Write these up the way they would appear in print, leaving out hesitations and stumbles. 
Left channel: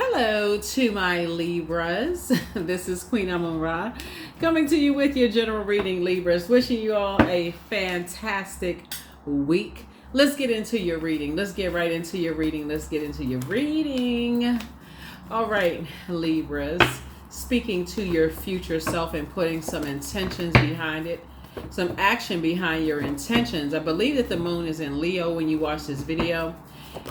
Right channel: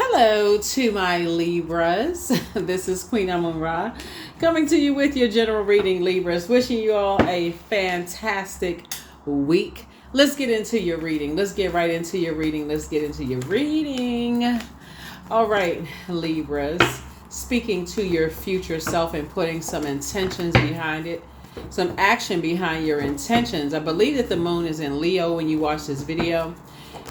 Hello to my Libras. This is Queen Amun Ra coming to you with your general reading, Libras. Wishing you all a fantastic week. Let's get into your reading. Let's get right into your reading. Let's get into your reading. All right, Libras. Speaking to your future self and putting some intentions behind it, some action behind your intentions. I believe that the moon is in Leo when you watch this video.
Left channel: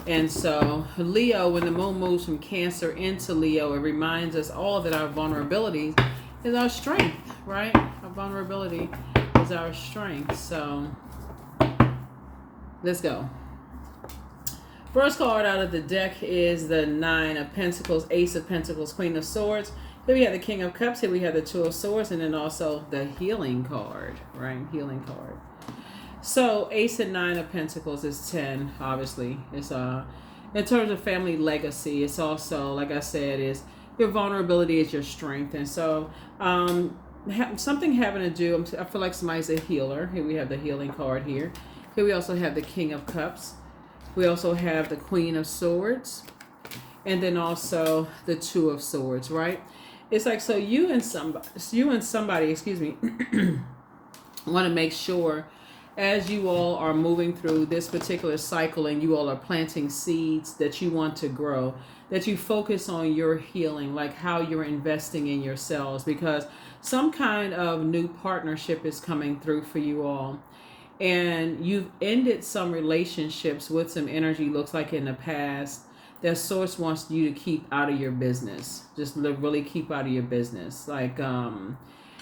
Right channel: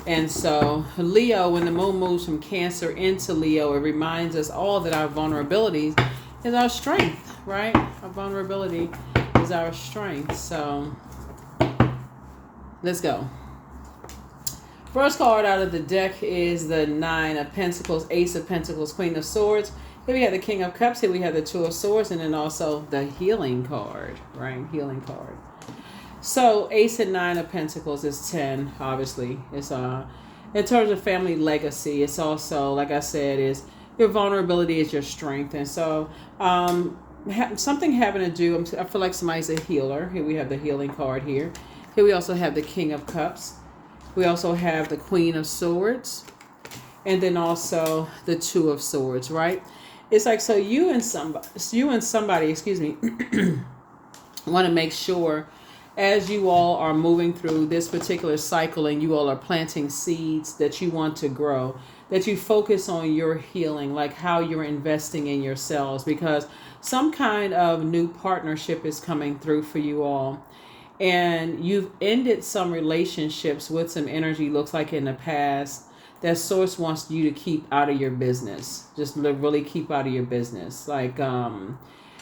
And so Leo, when the moon moves from Cancer into Leo, it reminds us all that our vulnerabilities is our strength, right? Our vulnerability is our strength. So let's go. First card out of the deck is the Nine of Pentacles, Ace of Pentacles, Queen of Swords. Here we have the King of Cups. Here we have the Two of Swords, and then also the Healing card, right? Healing card. So Ace and Nine of Pentacles is 10, obviously. It's in terms of family legacy, it's also, like I said, is your vulnerability is your strength. And so something having to do, I feel like somebody's a healer. Here we have the Healing card here. Here we also have the King of Cups. We also have the Queen of Swords. And then also the Two of Swords, right? It's like, so you and somebody, excuse me, want to make sure as you all are moving through this particular cycle and you all are planting seeds that you want to grow, that you focus on your healing, like how you're investing in yourselves, because some kind of new partnership is coming through for you all. And you've ended some relationships with some energy, looks like in the past, that source wants you to keep out of your business. Just really keep out of your business. Like, and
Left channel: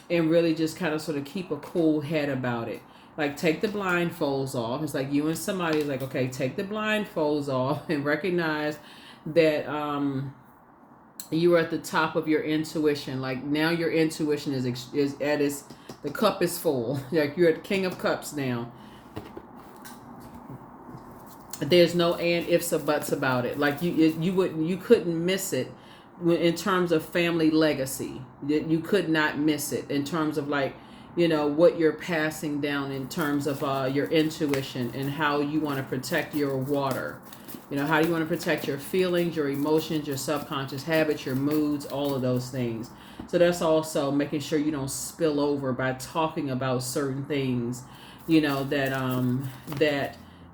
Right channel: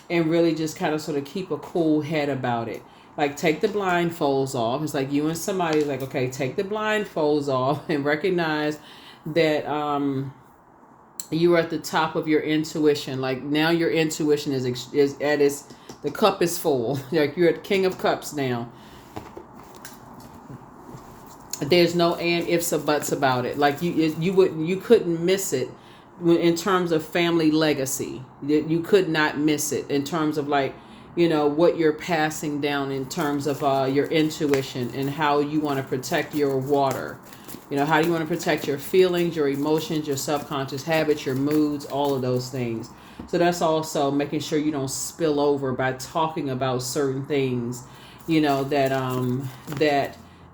really just kind of sort of keep a cool head about it. Like, take the blindfolds off. It's like you and somebody is like, okay, take the blindfolds off and recognize that you are at the top of your intuition. Like, now your intuition is at its, the cup is full. Like, you're at King of Cups now. There's no and ifs or buts about it. Like, you couldn't miss it in terms of family legacy. You could not miss it in terms of, like, you know, what you're passing down in terms of your intuition and how you want to protect your water. You know, how do you want to protect your feelings, your emotions, your subconscious habits, your moods, all of those things. So that's also making sure you don't spill over by talking about certain things, you know,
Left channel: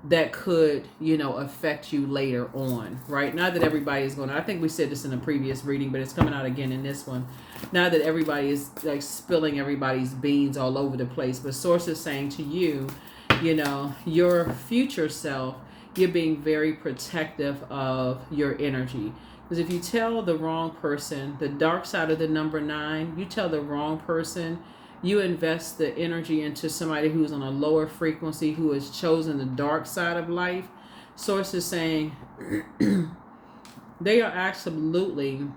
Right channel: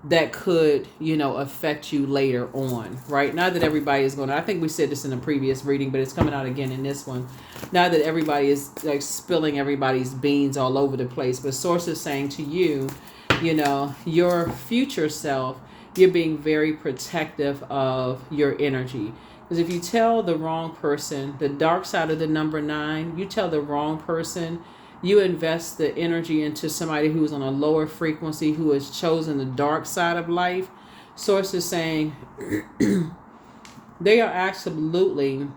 that could, you know, affect you later on, right? Not that everybody is going to, I think we said this in a previous reading, but it's coming out again in this one. Not that everybody is like spilling everybody's beans all over the place, but source is saying to you, you know, your future self, you're being very protective of your energy. Because if you tell the wrong person, the dark side of the number 9, you tell the wrong person, you invest the energy into somebody who's on a lower frequency, who has chosen the dark side of life. Source is saying they are absolutely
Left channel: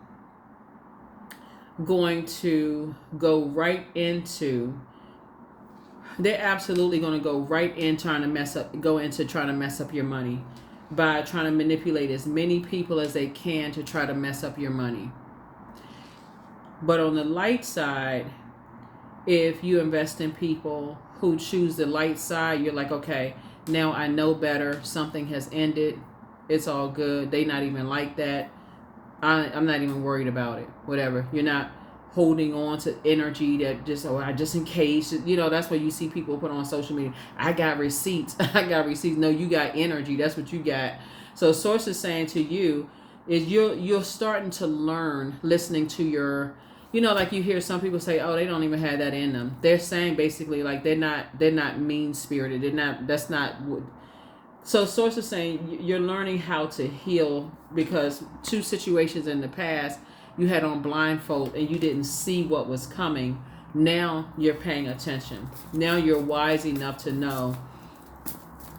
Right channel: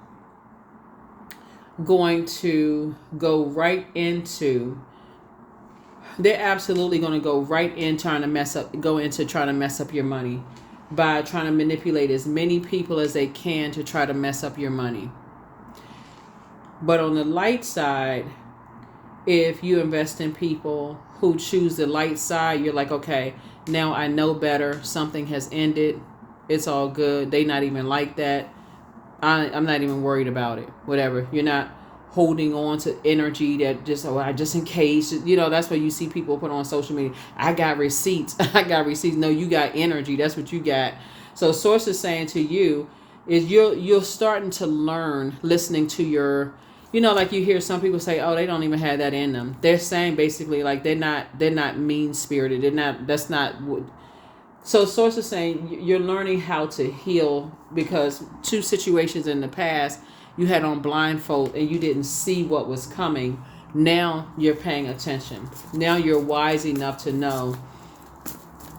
going to go right into, they're absolutely going to go right in trying to mess up your money by trying to manipulate as many people as they can to try to mess up your money. But on the light side, if you invest in people who choose the light side, you're like, okay, now I know better. Something has ended. It's all good. They not even like that. I'm not even worried about it. Whatever. You're not holding on to energy that just in case. You know, that's what you see people put on social media. I got receipts. I got receipts. No, you got energy. That's what you got. So source is saying to you is you're starting to learn, listening to your, you know, like you hear some people say, oh, they don't even have that in them. They're saying basically like they're not mean-spirited. That's not what. So source is saying you're learning how to heal, because 2 situations in the past you had on blindfold and you didn't see what was coming. Now you're paying attention. Now you're wise enough to know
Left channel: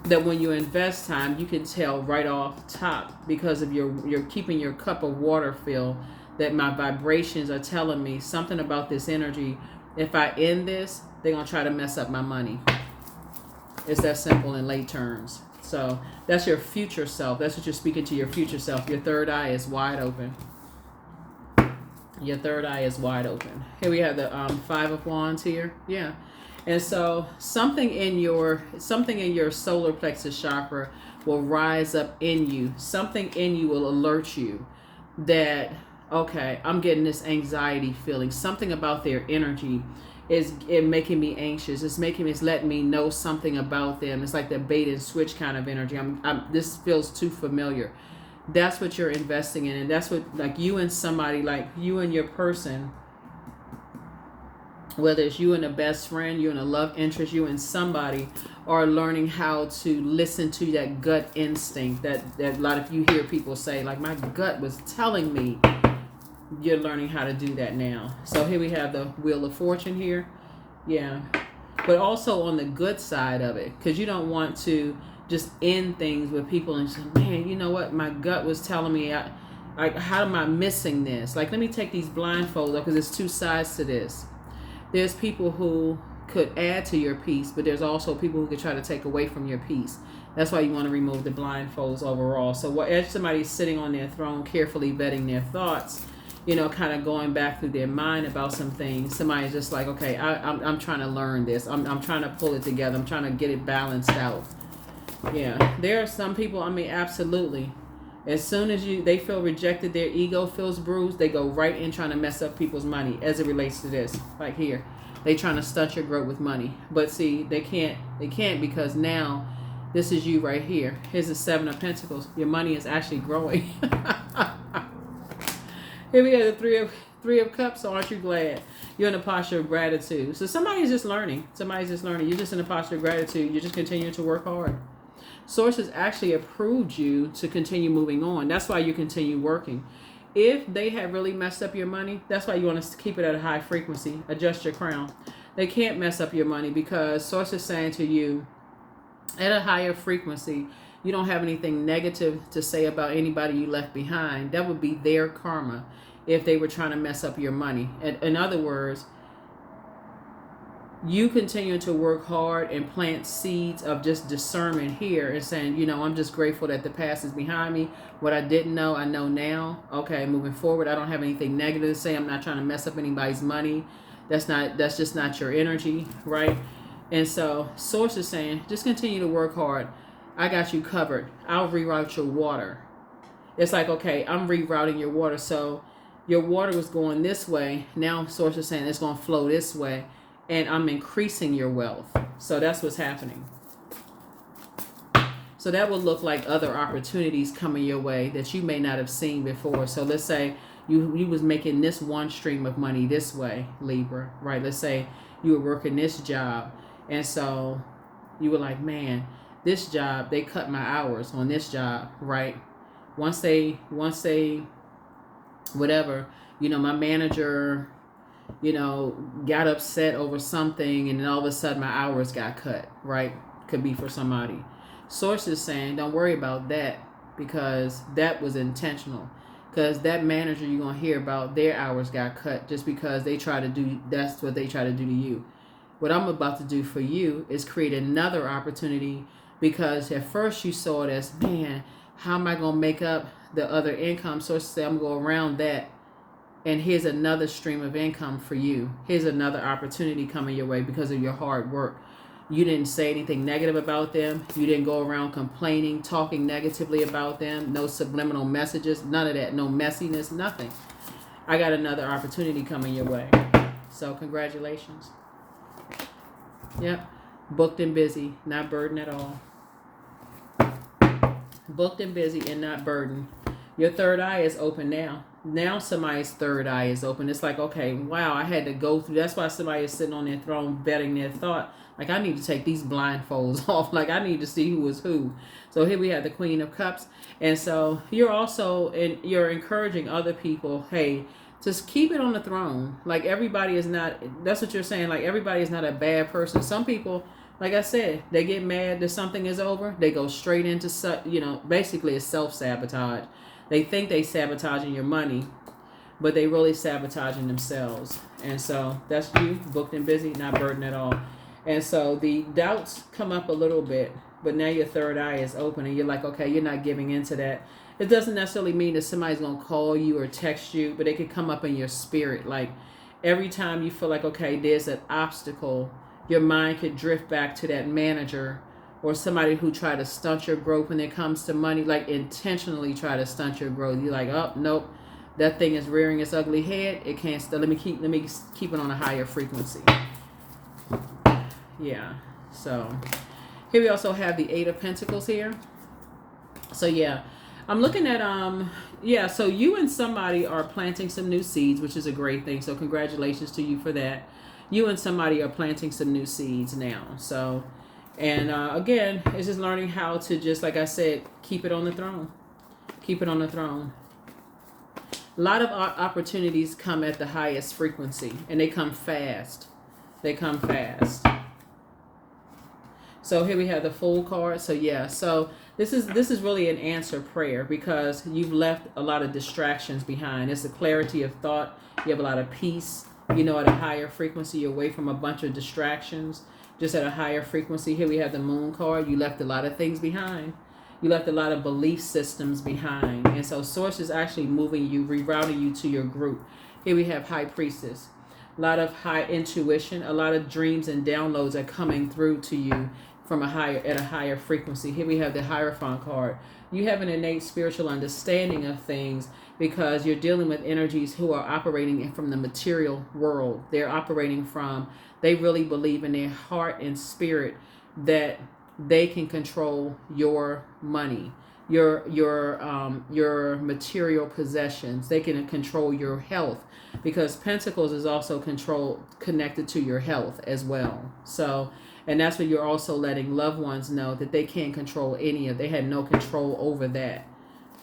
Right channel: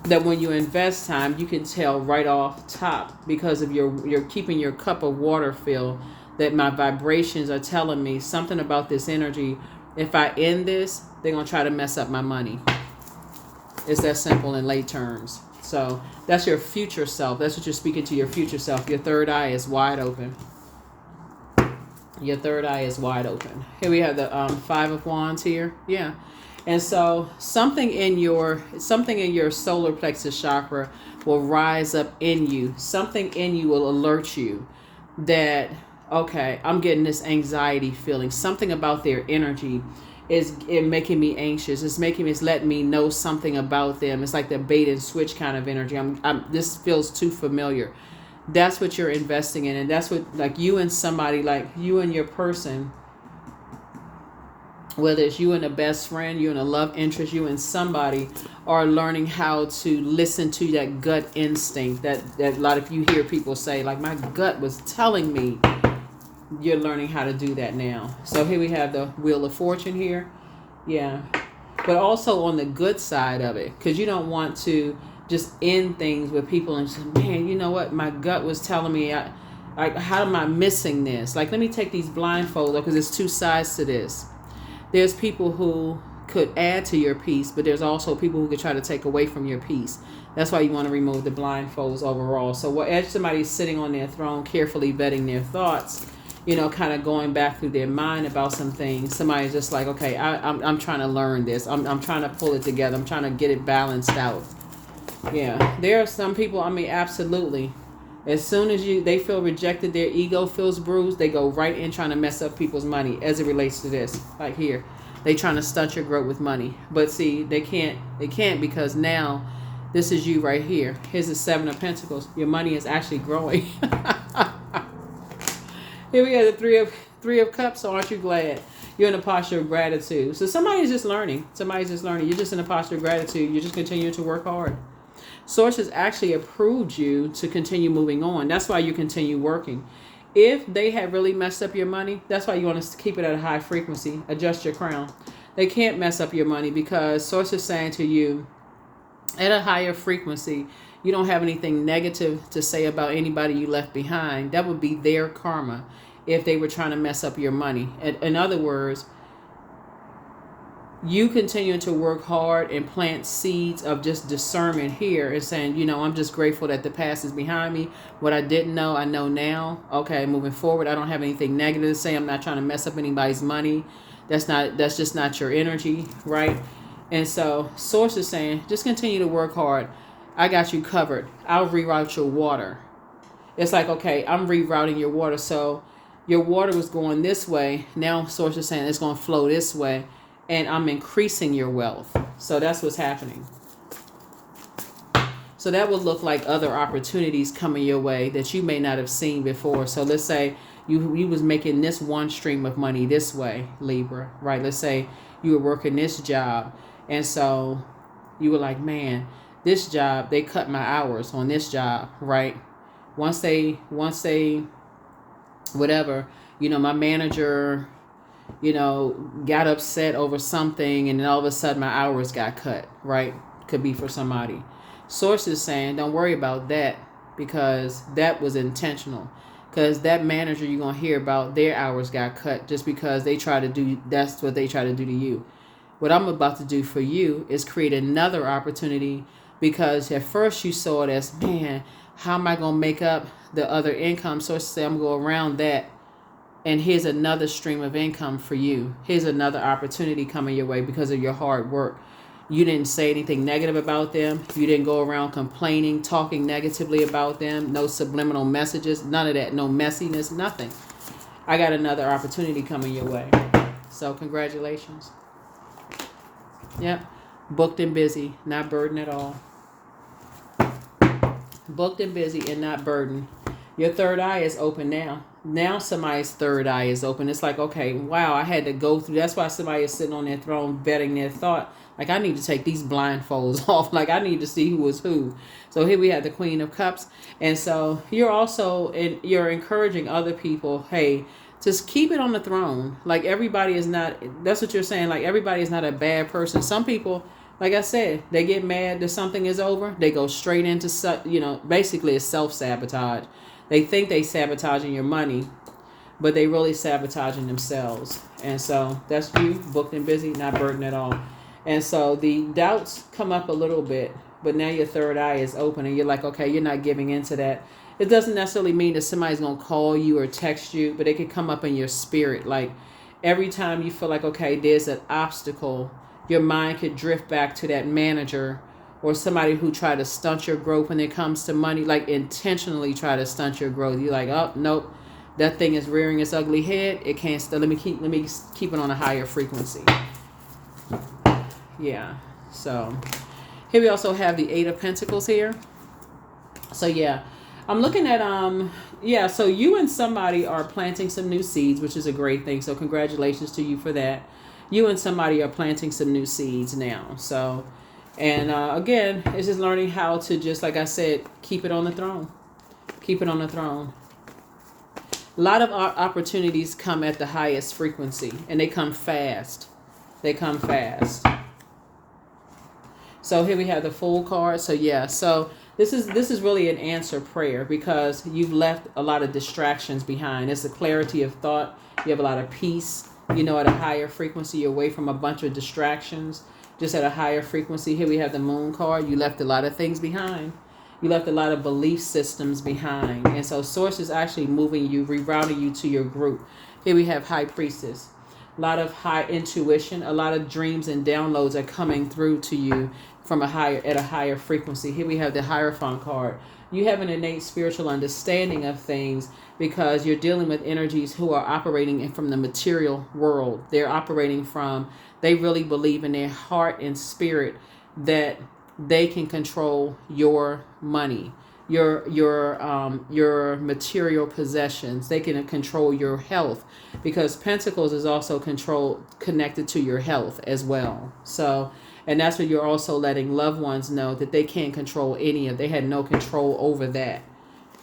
that when you invest time, you can tell right off top, because of you're keeping your cup of water filled, that my vibrations are telling me something about this energy. If I end this, they're going to try to mess up my money. It's that simple in lay terms. So that's your future self. That's what you're speaking to your future self. Your third eye is wide open. Your third eye is wide open. Here we have the 5 of Wands here. Yeah. And so something in your solar plexus chakra will rise up in you. Something in you will alert you that, okay, I'm getting this anxiety feeling. Something about their energy is it making me anxious. It's letting me know something about them. It's like the bait and switch kind of energy. This feels too familiar. That's what you're investing in, and that's what, like, you and somebody, like you and your person, whether it's you and a best friend, you and a love interest, you and somebody, are learning how to listen to that gut instinct that a lot of you hear people say, like, my gut was telling me. You're learning how to do that now. So here we have the Wheel of Fortune here. Yeah. But also on the good side of it, because you don't want to just end things with people and say, man, you know what? My gut was telling me, like, how am I missing this? Like, let me take these blindfolds off, because there's two sides to this. There's people who could add to your peace, but there's also people who could try to take away from your peace. That's why you want to remove the blindfolds overall. So as somebody's sitting on their throne, carefully vetting their thoughts, kind of going back through their mind about some things, somebody's just like, okay, I'm trying to learn this. I'm trying to pull it together. I'm trying to get it balanced out. Yeah, there are some people, absolutely. As soon as they feel rejected, their ego feels bruised, they go right in trying to mess up people's money as it relates to this. Like here, they trying to stunt your growth with money. But see, they can't because now this is you right here. Here's the Seven of Pentacles. Your money is actually growing. Here we have the Three of Cups. So aren't you glad? You're in a posture of gratitude. So somebody's just learning. You're just in a posture of gratitude. You're just continuing to work hard. Source has actually approved you to continue moving on. That's why you continue working. If they have really messed up your money, that's why you want to keep it at a high frequency. Adjust your crown. They can't mess up your money because Source is saying to you, at a higher frequency, you don't have anything negative to say about anybody you left behind. That would be their karma if they were trying to mess up your money. In other words, you continue to work hard and plant seeds of just discernment here and saying, I'm just grateful that the past is behind me. What I didn't know, I know now. Okay, moving forward, I don't have anything negative to say. I'm not trying to mess up anybody's money. That's just not your energy, right? And so Source is saying, just continue to work hard. I got you covered. I'll reroute your water. It's like, okay, I'm rerouting your water. So your water was going this way. Now Source is saying it's going to flow this way. And I'm increasing your wealth. So that's what's happening. So that would look like other opportunities coming your way that you may not have seen before. So let's say you was making this one stream of money this way, Libra, right? Let's say you were working this job. And so you were like, man, this job, they cut my hours on this job, right? Once they, whatever, my manager, got upset over something, and then all of a sudden my hours got cut, right? Could be for somebody. Source is saying, don't worry about that, because that was intentional. Because that manager you're going to hear about, their hours got cut just because that's what they try to do to you. What I'm about to do for you is create another opportunity, because at first you saw it as, man, how am I going to make up the other income? Source says, I'm going to go around that. And here's another stream of income for you. Here's another opportunity coming your way because of your hard work. You didn't say anything negative about them. You didn't go around complaining, talking negatively about them. No subliminal messages. None of that. No messiness. Nothing. I got another opportunity coming your way. So congratulations. Yep. Booked and busy. Not burdened at all. Booked and busy and not burdened. Your third eye is open now. Now somebody's third eye is open. It's like, okay, wow, I had to go through. That's why somebody is sitting on their throne vetting their thought. Like, I need to take these blindfolds off. Like, I need to see who is who. So here we have the Queen of Cups. And so you're you're encouraging other people, hey, just keep it on the throne. Like, everybody is not, that's what you're saying. Like, everybody is not a bad person. Some people, like I said, they get mad that something is over. They go straight into, basically it's self-sabotage. They think they sabotaging your money, but they really sabotaging themselves. And so that's you, booked and busy, not burdened at all. And so the doubts come up a little bit, but now your third eye is open and you're like, okay, you're not giving into that. It doesn't necessarily mean that somebody's going to call you or text you, but it could come up in your spirit. Like, every time you feel like, okay, there's an obstacle, your mind could drift back to that manager or somebody who try to stunt your growth when it comes to money, like intentionally try to stunt your growth. You're like, oh, nope, that thing is rearing its ugly head. It can't still. Let me keep it on a higher frequency. Yeah. So here we also have the Eight of Pentacles here. So yeah, I'm looking at yeah, so you and somebody are planting some new seeds, which is a great thing. So congratulations to you for that. You and somebody are planting some new seeds now. So, and again, it's just learning how to just, like I said, keep it on the throne. Keep it on the throne. A lot of opportunities come at the highest frequency, and they come fast. They come fast. So here we have the Fool card. So yeah, so this is really an answer prayer, because you've left a lot of distractions behind. It's a clarity of thought. You have a lot of peace, you know, at a higher frequency. You're away from a bunch of distractions, just at a higher frequency. Here we have the Moon card. You left a lot of things behind. You left a lot of belief systems behind. And so Source is actually moving you, rerouting you to your group. Here we have High Priestess. A lot of high intuition, a lot of dreams and downloads are coming through to you from a higher frequency. Here we have the Hierophant card. You have an innate spiritual understanding of things, because you're dealing with energies who are operating from the material world. They're operating from, they really believe in their heart and spirit that they can control your money, your material possessions. They can control your health, because Pentacles is also connected to your health as well. So, and that's what you're also letting loved ones know, that they can't control they had no control over that,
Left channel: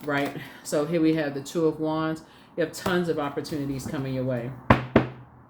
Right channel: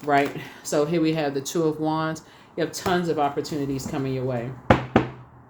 right? So here we have the Two of Wands. You have tons of opportunities coming your way.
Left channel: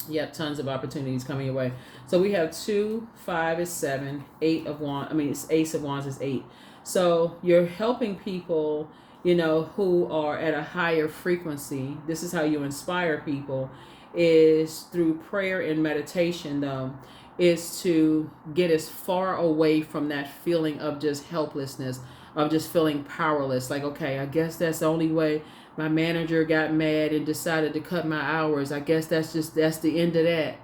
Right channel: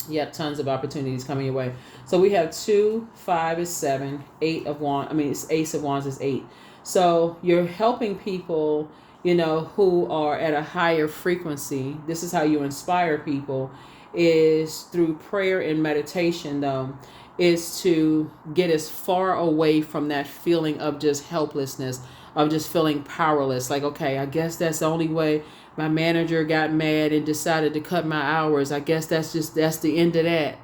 You have tons of opportunities coming your way. So we have 2, 5 is 7, 8 of Wands. I mean, it's Ace of Wands is 8. So you're helping people, you know, who are at a higher frequency. This is how you inspire people, is through prayer and meditation, though, is to get as far away from that feeling of just helplessness, of just feeling powerless. Like, okay, I guess that's the only way. My manager got mad and decided to cut my hours. I guess that's the end of that.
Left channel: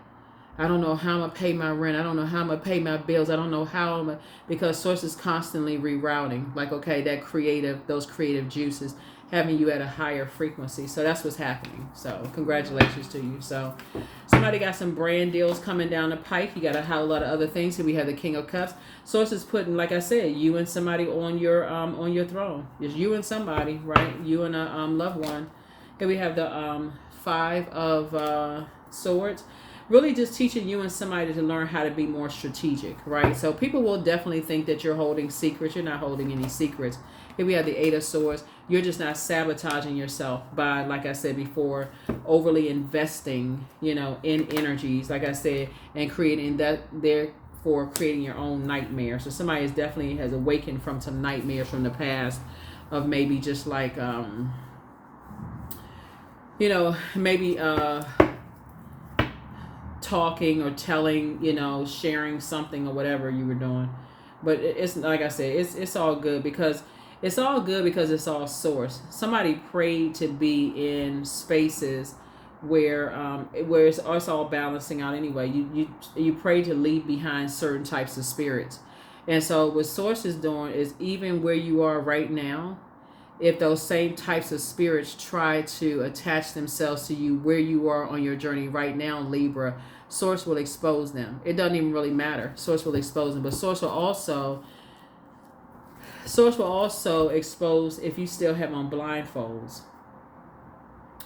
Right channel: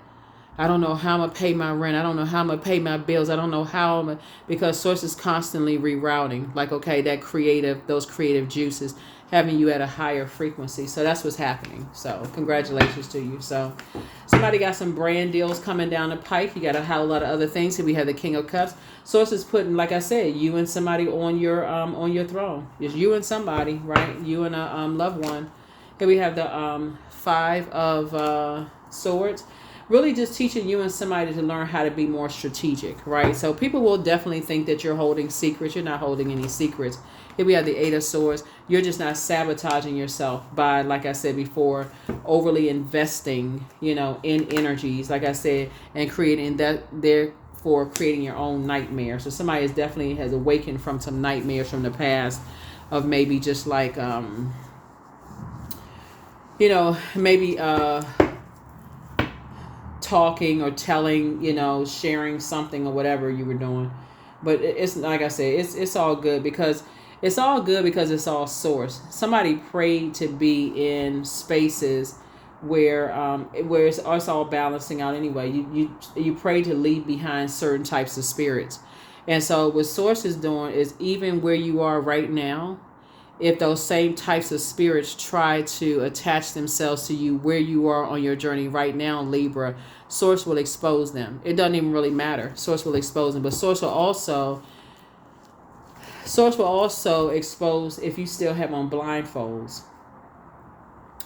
I don't know how I'm going to pay my rent. I don't know how I'm going to pay my bills. I don't know how because Source is constantly rerouting. Like, okay, those creative juices having you at a higher frequency. So that's what's happening. So congratulations to you. So somebody got some brand deals coming down the pike. You got a whole lot of other things. Here we have the King of Cups. Source is putting, like I said, you and somebody on your throne. It's you and somebody, right? You and a loved one. Here we have the 5 of Swords. Really just teaching you and somebody to learn how to be more strategic, right? So people will definitely think that you're holding secrets. You're not holding any secrets. Here we have the 8 of Swords. You're just not sabotaging yourself by, like I said before, overly investing, you know, in energies, like I said, and creating that, therefore creating your own nightmare. So somebody has awakened from some nightmares from the past of maybe just like, you know, maybe talking or telling, you know, sharing something or whatever you were doing. But it's like I said, it's all good, because it's all Source. Somebody prayed to be in spaces where it's all balancing out anyway. You pray to leave behind certain types of spirits. And so what Source is doing is, even where you are right now, if those same types of spirits try to attach themselves to you where you are on your journey right now, Libra, Source will expose them. It doesn't even really matter. Source will expose them. But Source will also expose if you still have on blindfolds.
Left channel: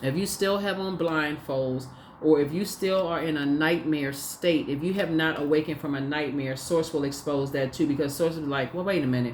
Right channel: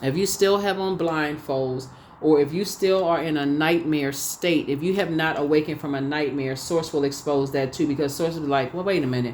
If you still have on blindfolds, or if you still are in a nightmare state, if you have not awakened from a nightmare, Source will expose that too, because Source will be like, well, wait a minute.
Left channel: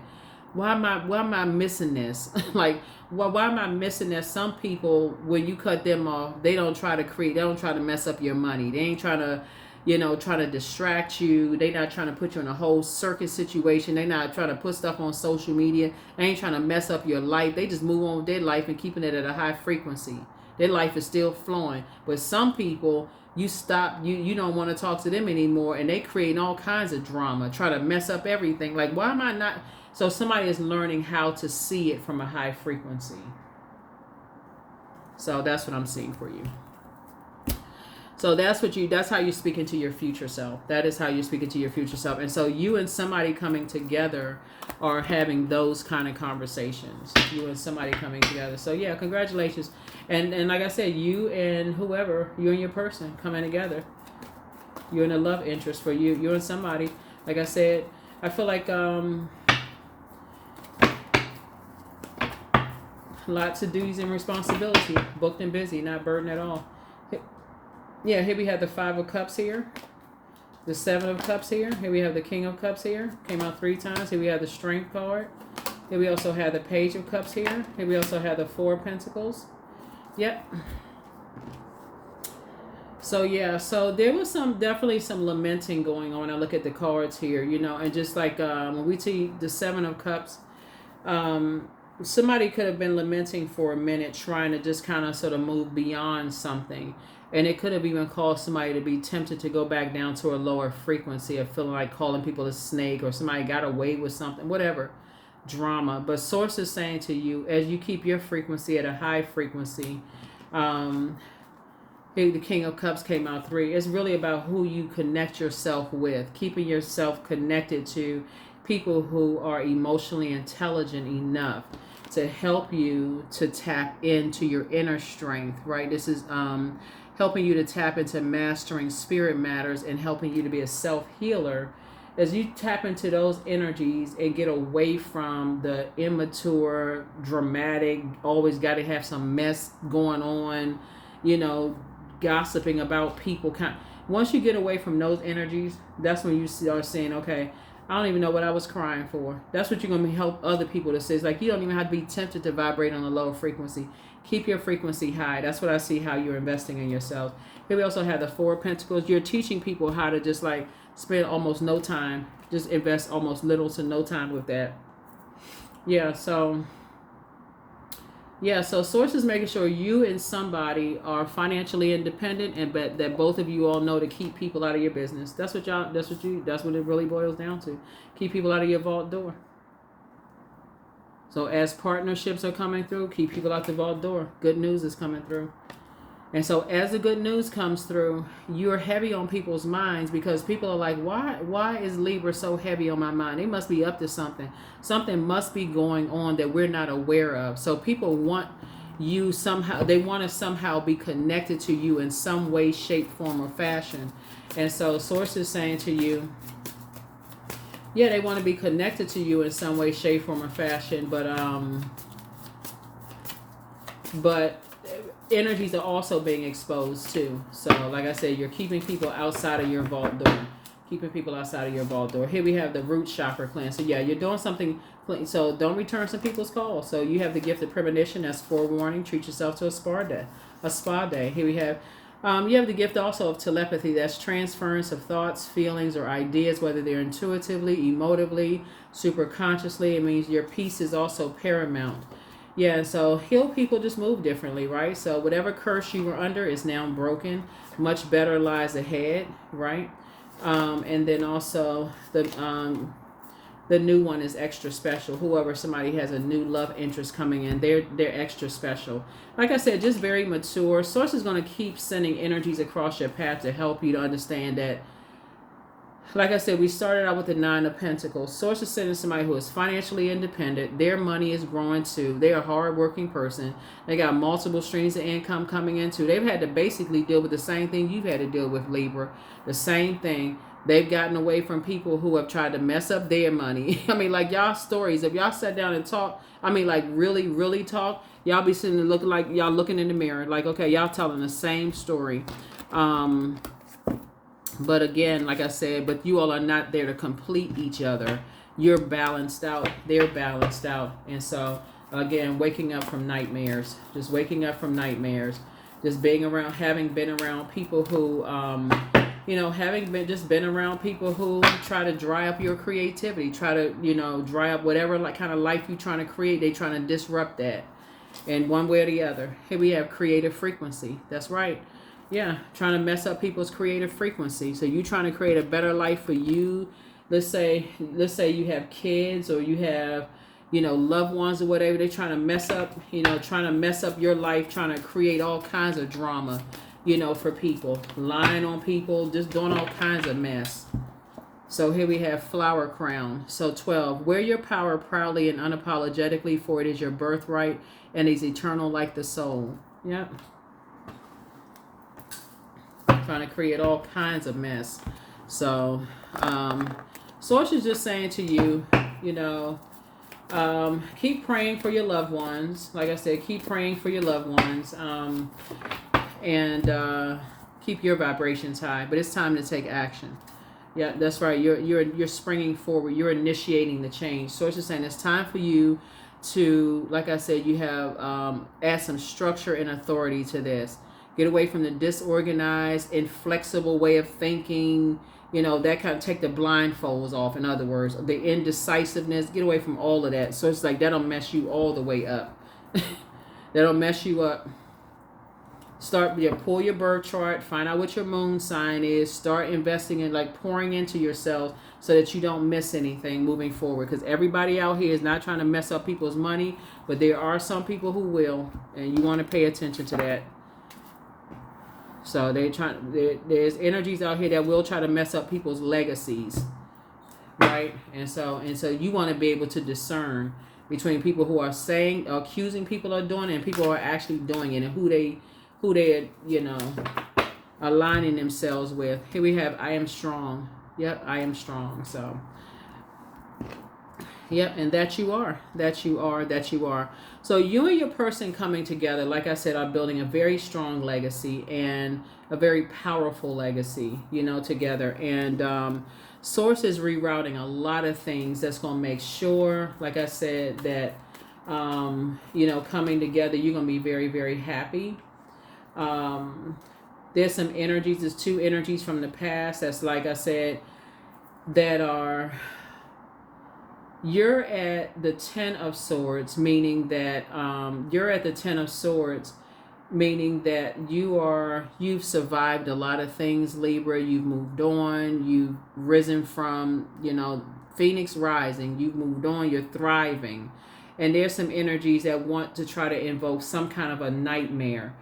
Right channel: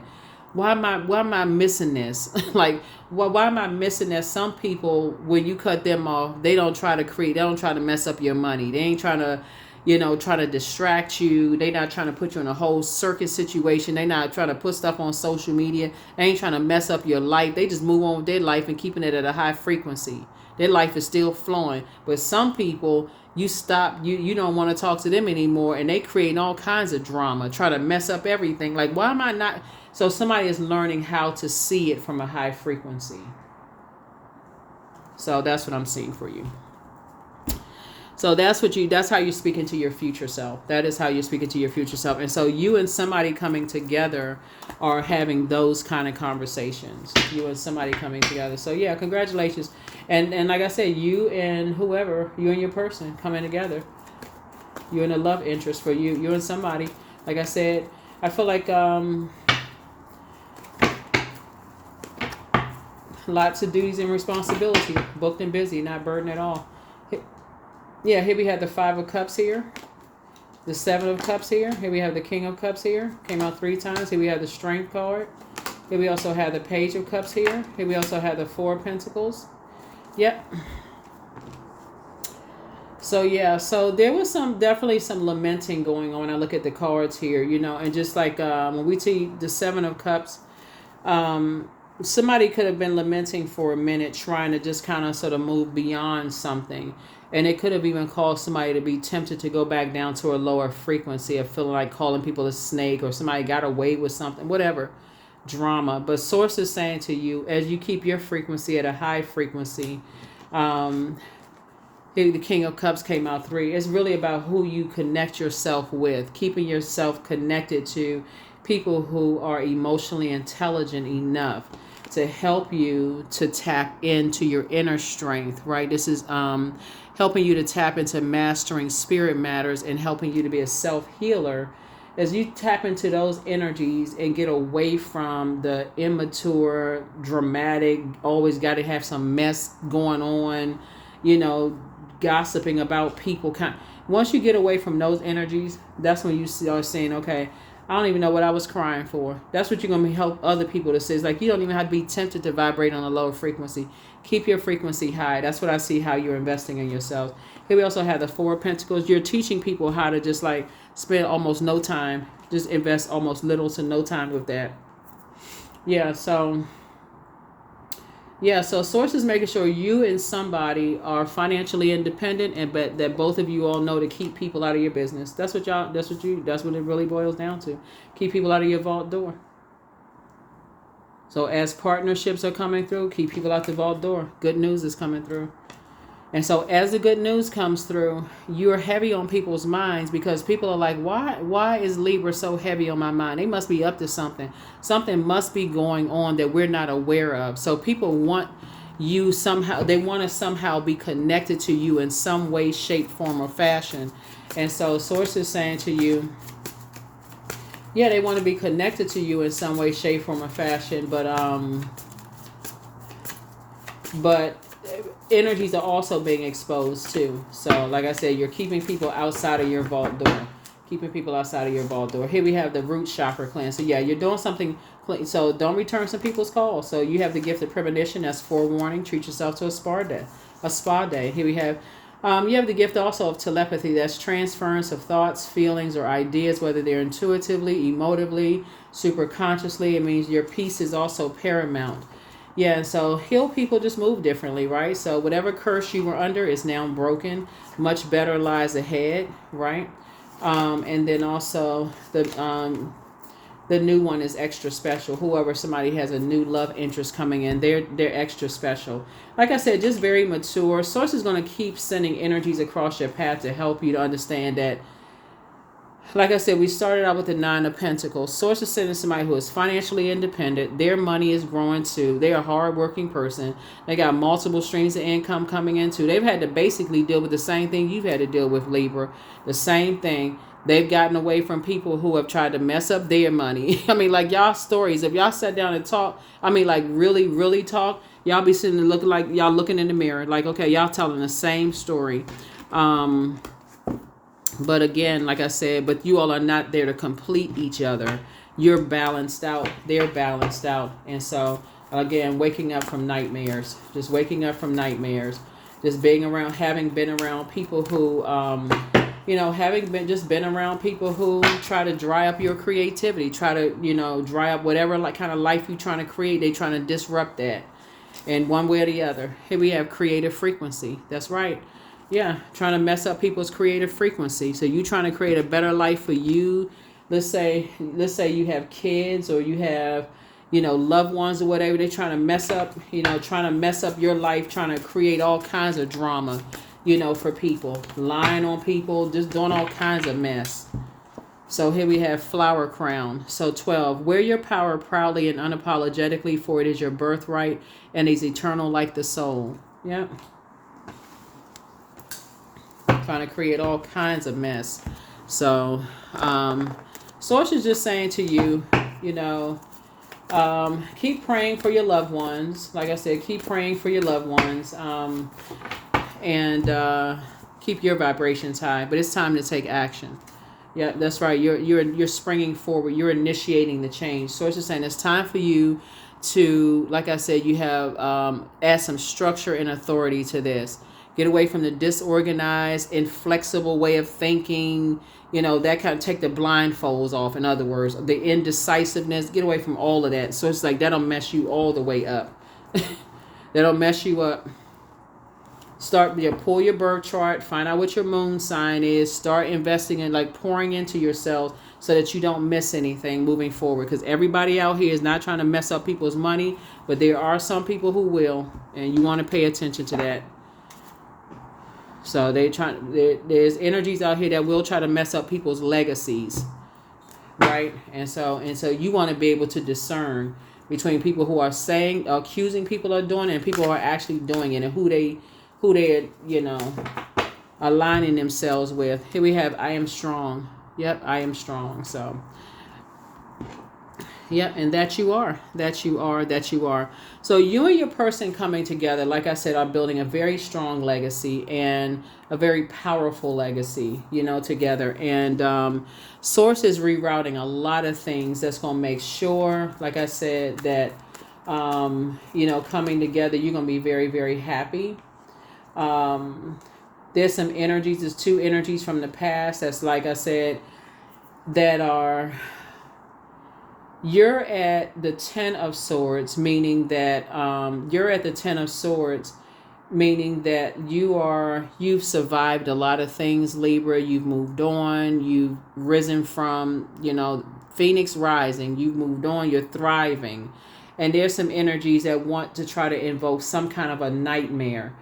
Why am I missing this? Like, why am I missing that? Some people, when you cut them off, they don't try to mess up your money. They ain't trying to, you know, try to distract you. They not trying to put you in a whole circus situation. They not trying to put stuff on social media. They ain't trying to mess up your life. They just move on with their life and keeping it at a high frequency. Their life is still flowing. But some people, you don't want to talk to them anymore, and they create all kinds of drama, try to mess up everything. Like, why am I not? So somebody is learning how to see it from a high frequency. So that's what I'm seeing for you. So that's how you're speaking to your future self. That is how you're speaking to your future self. And so you and somebody coming together are having those kind of conversations. You and somebody coming together. So yeah, congratulations. And like I said, you and whoever, you and your person coming together. You and a love interest for you and somebody. Like I said, I feel like lots of duties and responsibility, booked and busy, not burdened at all. Yeah, here we have the 5 of Cups here, the 7 of Cups here. Here we have the King of Cups here, came out 3 times. Here we have the Strength card. Here we also have the Page of Cups here. Here we also have the 4 of Pentacles. Yep. So yeah, so there was definitely some lamenting going on. I look at the cards here, and just like when we see the 7 of Cups, somebody could have been lamenting for a minute, trying to just kind of sort of move beyond something. And it could have even caused somebody to be tempted to go back down to a lower frequency of feeling like calling people a snake, or somebody got away with something, whatever, drama. But Source is saying to you, as you keep your frequency at a high frequency, the King of Cups came out 3. It's really about who you connect yourself with, keeping yourself connected to people who are emotionally intelligent enough to help you to tap into your inner strength, right? This is helping you to tap into mastering spirit matters and helping you to be a self-healer. As you tap into those energies and get away from the immature, dramatic, always got to have some mess going on, gossiping about people. Once you get away from those energies, that's when you start saying, okay, I don't even know what I was crying for. That's what you're going to help other people to say. It's like you don't even have to be tempted to vibrate on a lower frequency. Keep your frequency high. That's what I see how you're investing in yourself. Here we also have the 4 of Pentacles. You're teaching people how to just like spend almost no time. Just invest almost little to no time with that. So Source is making sure you and somebody are financially independent, and but that both of you all know to keep people out of your business. That's what it really boils down to. Keep people out of your vault door. So as partnerships are coming through, keep people out the vault door. Good news is coming through. And so as the good news comes through, you're heavy on people's minds because people are like, why is Libra so heavy on my mind? They must be up to something. Something must be going on that we're not aware of. So people want you somehow, they want to somehow be connected to you in some way, shape, form, or fashion. And so Source is saying to you, yeah, they want to be connected to you in some way, shape, form, or fashion, but energies are also being exposed too. So like I said, you're keeping people outside of your vault door. Here we have the root chakra cleanse. So yeah, you're doing something clean. So don't return some people's calls. So you have the gift of premonition. That's forewarning. Treat yourself to a spa day. Here we have you have the gift also of telepathy. That's transference of thoughts, feelings, or ideas, whether they're intuitively, emotively, superconsciously. It means your peace is also paramount. Yeah, and so heal people just move differently, right? So whatever curse you were under is now broken. Much better lies ahead, right? And then also the new one is extra special. Whoever somebody has a new love interest coming in, they're extra special. Like I said, just very mature. Source is going to keep sending energies across your path to help you to understand that. Like I said, we started out with the 9 of Pentacles. Source is sending somebody who is financially independent. Their money is growing too. They're a hardworking person. They got multiple streams of income coming into. They've had to basically deal with the same thing you've had to deal with, Libra. The same thing. They've gotten away from people who have tried to mess up their money. I mean, like y'all stories, if y'all sat down and talk, I mean, like really, really talk, y'all be sitting and looking like y'all looking in the mirror. Like, okay, y'all telling the same story. But again, like I said, but you all are not there to complete each other. You're balanced out. They're balanced out. And so, again, waking up from nightmares. Just waking up from nightmares. Just being around, having been around people who, been around people who try to dry up your creativity. Try to, dry up whatever like kind of life you're trying to create. They trying to disrupt that. And one way or the other. Here we have creative frequency. That's right. Yeah, trying to mess up people's creative frequency. So you trying to create a better life for you. Let's say you have kids or you have, loved ones or whatever. They're trying to mess up, your life, trying to create all kinds of drama. for people, lying on people, just doing all kinds of mess. So here we have flower crown. So 12, wear your power proudly and unapologetically, for it is your birthright and is eternal like the soul. Yep. Trying to create all kinds of mess. So, Source is just saying to you, keep praying for your loved ones. Like I said, keep praying for your loved ones, and keep your vibrations high. But it's time to take action. Yeah, that's right. You're springing forward. You're initiating the change. Source is saying it's time for you to, like I said, you have add some structure and authority to this. Get away from the disorganized, inflexible way of thinking. That kind of take the blindfolds off. In other words, the indecisiveness. Get away from all of that. So it's like that'll mess you all the way up. That'll mess you up. Pull your birth chart, find out what your moon sign is, start investing in, like, pouring into yourself so that you don't miss anything moving forward. Because everybody out here is not trying to mess up people's money, but there are some people who will, and you want to pay attention to that. So there's energies out here that will try to mess up people's legacies, right? And so you want to be able to discern between people who are accusing people of doing it, and people who are actually doing it, and who they're aligning themselves with. Here we have, I am strong. Yep, I am strong. So, yep, and that you are. So you and your person coming together, like I said, are building a very strong legacy and a very powerful legacy, together. And Source is rerouting a lot of things that's going to make sure, like I said, that, coming together, you're going to be very, very happy. There's some energies, there's two energies from the past that's, like I said, that are, you're at the 10 of Swords, meaning that you've survived a lot of things, Libra. You've moved on, you've risen from, Phoenix rising, you've moved on, you're thriving. And there's some energies that want to try to invoke some kind of a nightmare.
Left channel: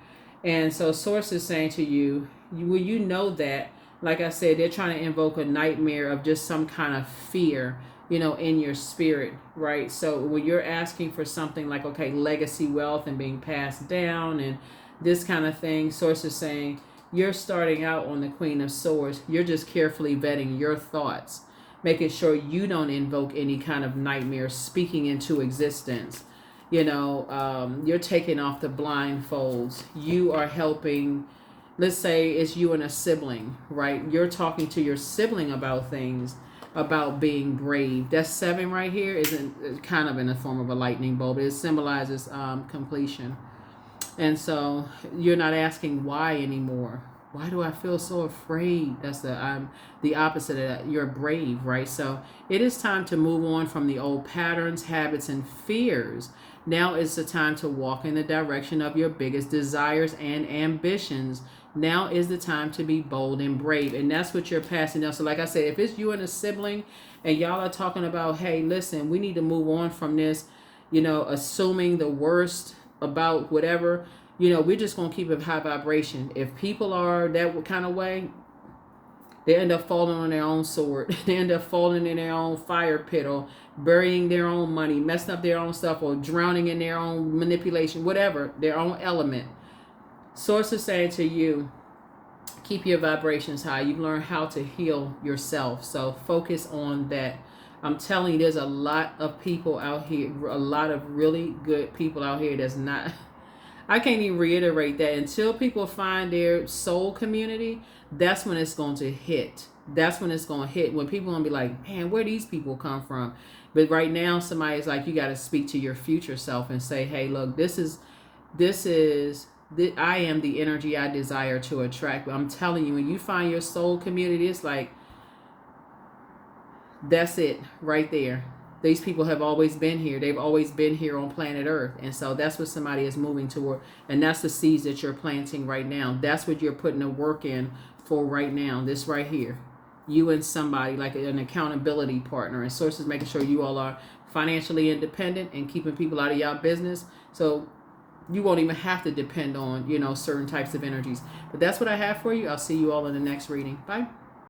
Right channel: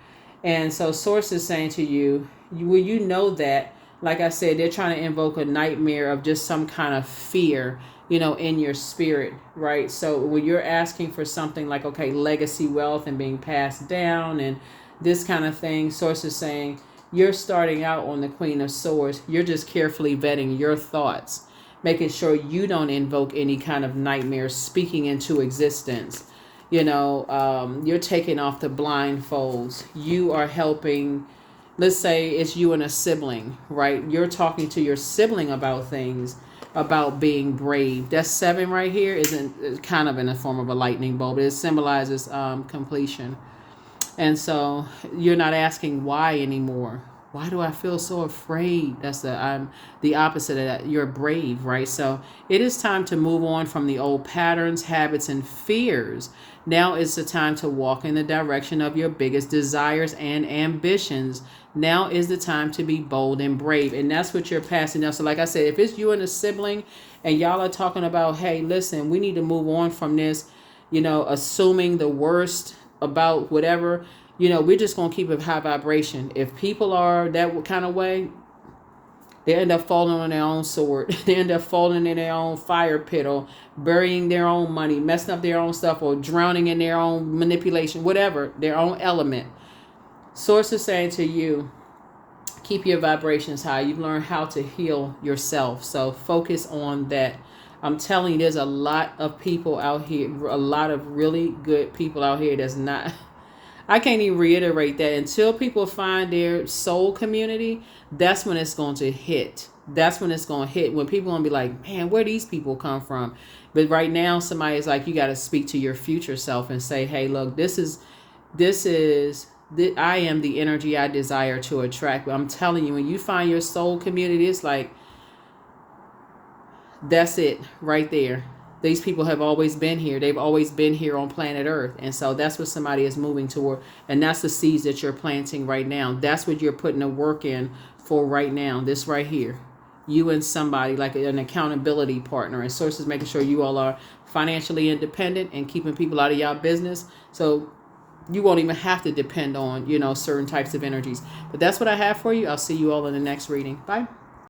And so Source is saying to you, that, like I said, they're trying to invoke a nightmare of just some kind of fear, in your spirit, right? So when you're asking for something like, okay, legacy wealth and being passed down and this kind of thing, Source is saying you're starting out on the Queen of Swords. You're just carefully vetting your thoughts, making sure you don't invoke any kind of nightmare speaking into existence. You're taking off the blindfolds. You are helping, let's say it's you and a sibling, right? You're talking to your sibling about things, about being brave. That 7 right here isn't kind of in the form of a lightning bolt. It symbolizes completion. And so you're not asking why anymore. Why do I feel so afraid? That's the opposite of that. You're brave, right? So it is time to move on from the old patterns, habits, and fears. Now is the time to walk in the direction of your biggest desires and ambitions. Now is the time to be bold and brave. And that's what you're passing now. So like I said, if it's you and a sibling and y'all are talking about, hey, listen, we need to move on from this, assuming the worst about whatever, we're just going to keep a high vibration. If people are that kind of way, they end up falling on their own sword. They end up falling in their own fire pit, or burying their own money, messing up their own stuff, or drowning in their own manipulation, whatever, their own element. Source is saying to you, keep your vibrations high. You've learned how to heal yourself. So focus on that. I'm telling you, there's a lot of people out here, a lot of really good people out here that's not, I can't even reiterate that. Until people find their soul community, that's when it's going to hit. That's when it's going to hit. When people going to be like, man, where these people come from? But right now, somebody's like, you got to speak to your future self and say, hey, look, I am the energy I desire to attract. But I'm telling you, when you find your soul community, it's like, that's it right there. These people have always been here. They've always been here on planet Earth. And so that's what somebody is moving toward. And that's the seeds that you're planting right now. That's what you're putting the work in for right now. This right here. You and somebody, like an accountability partner. And Source is making sure you all are financially independent and keeping people out of y'all business. So you won't even have to depend on, certain types of energies. But that's what I have for you. I'll see you all in the next reading. Bye.